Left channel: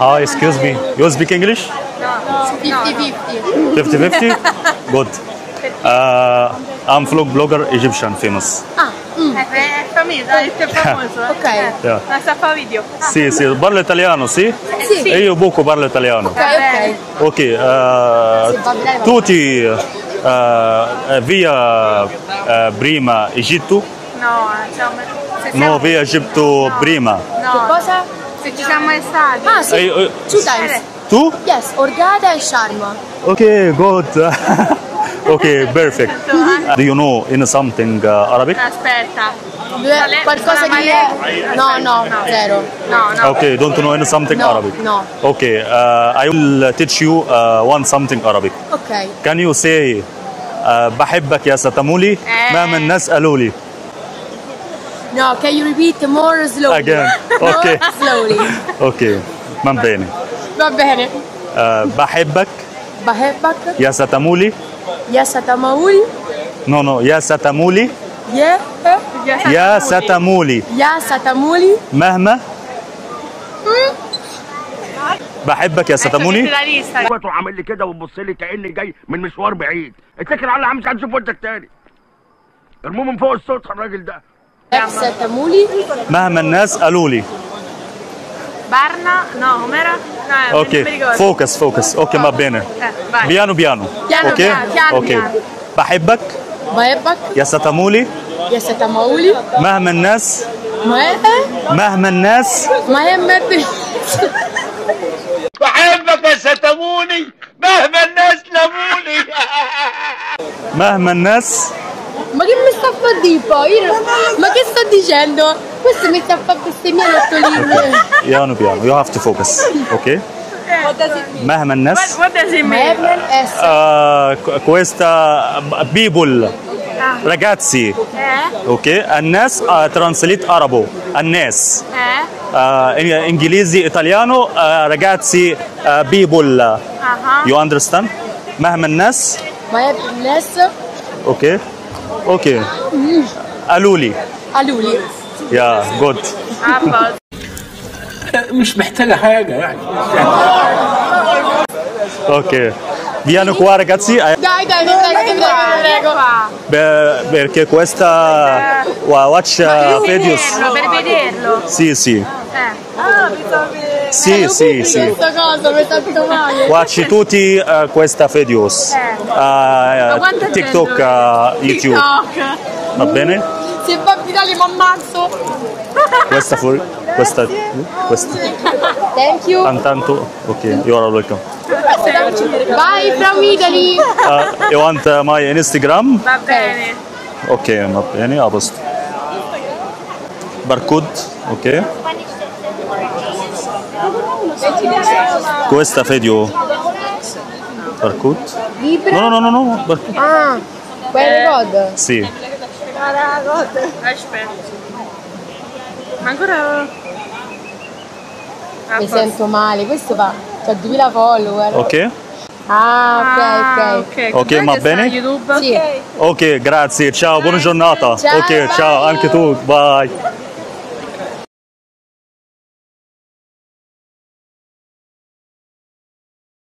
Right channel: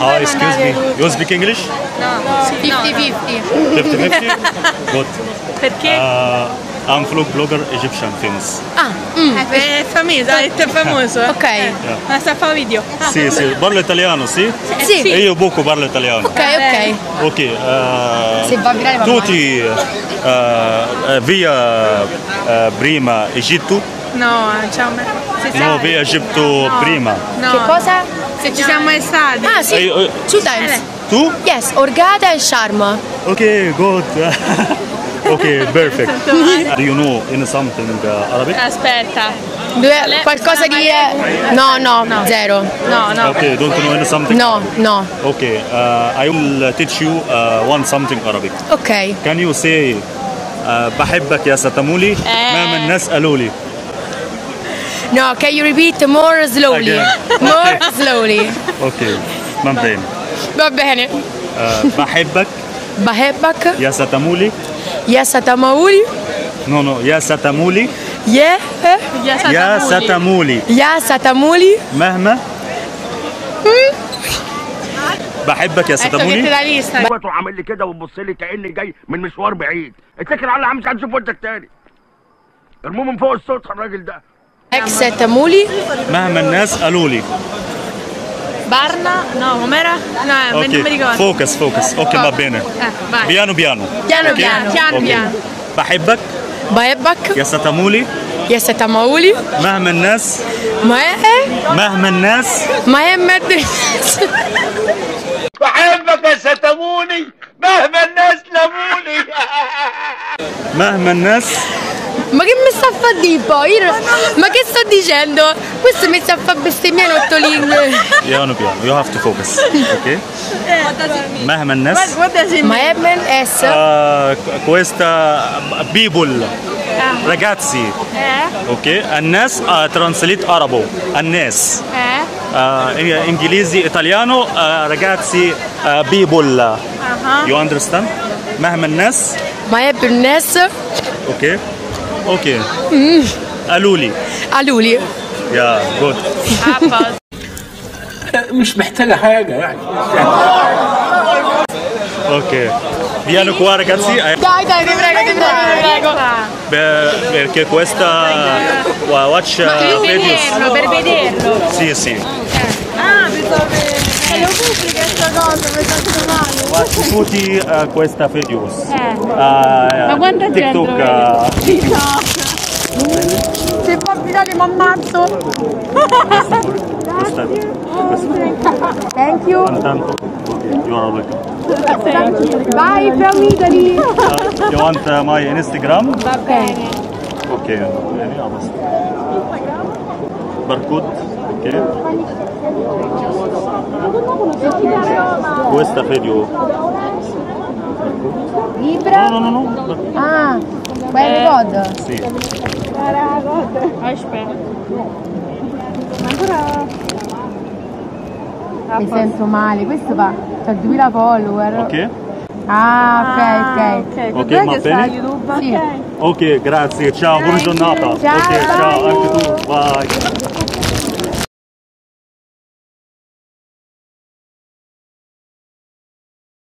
Oh, excuse me. You speak English? No. 50-50. 50-50? Good. Perché? I'm vlog blogger Egyptian famous. Ah, È famoso. ok. Yeah. Ma sta fa video. Sì, sì, parlo italiano, sì? Sì. E io poco parlo italiano. Ok, ok. Ok, Se va greve, va tutti via prima Egitto? No, diciamo. No, via Egitto prima. No. Che cosa? Se ci siamo mai stati. Ah, sì. Eh, 2 times. Tu? Yes, Hurghada and Sharm. Okay, good. Okay, perfect. Do you know in something Arabic? Aspetta. Qualcosa di... No, zero. No. Okay, don't know in something No, Arabic. no. Okay, I will teach you one something Arabic. Ok. Can you say بحبك يا ستمولي مهما الناس قالوا لي. No, can you repeat more slowly? Again. More Okay. slowly. Okay, من بين Va bene. بحبك بحبك يا ستمولي. يا ستمولي. No, يا ستمولي. يا يا ستمولي يا ستمولي. مهما بحبك يا ستمولي. la lista. تروح عامل لي كده وتبص لي كاني جاي من مشوار بعيد. اتكل على الله مش هنشوف وشك تاني. ارموه من فوق السطح الراجل ده. اكس ستمولي. مهما الناس قالوا لي. Barna? No, com'era? No, non mi اوكي ricordo. فوكس اوكي ما بينه Vai. بيانو Piano اوكي piano, اوكي piano. بحبك بحبك يا ستمولي يا ستمولي. مهما الناس مهما الناس بحبك يا ستموني مهما الناس لموني. مهما الناس. Ma che mi sta a fare di poi? Ma che sto dicendo? Questo mi sta a fare bestemmiare 8 lingue. بيانو you have to focus اوكي مهما الناس. What does it mean? مهما اس questa people ragazzi اوكي الناس ترانسليت arabo الناس انجليزي ايطاليانو ragazzi people you understand مهما الناس. مهما الناس اوكي قالوا لي قالولي. يا جود. مش محتاجة حاجة يعني. Ok, vieni qua ragazzi, Dai, ti prego. perché questa watch videos. Per vederlo. Sì. Ah, pensavo. Sì. Watch tutti questa videos. quanta TikTok, gente YouTube. Va bene? Se fa virale mi ammazzo. Questa. Thank you. Tanto, ok, you are welcome. Bye from Italy. You want my Instagram? Va bene. Ok, va bene, a posto. Barcode, ok. Questa video. Barcode? No, Barcode. Ah, quella god. Sì. Aspetta. Ancora. Mi sento male, questo va. C'ha 2000 follower. Ok? Ah, ok. Ok, va bene? YouTube, Sì. ok. Ok, grazie, ciao, buona giornata. Ciao, Ok, ciao, bye. anche tu, bye.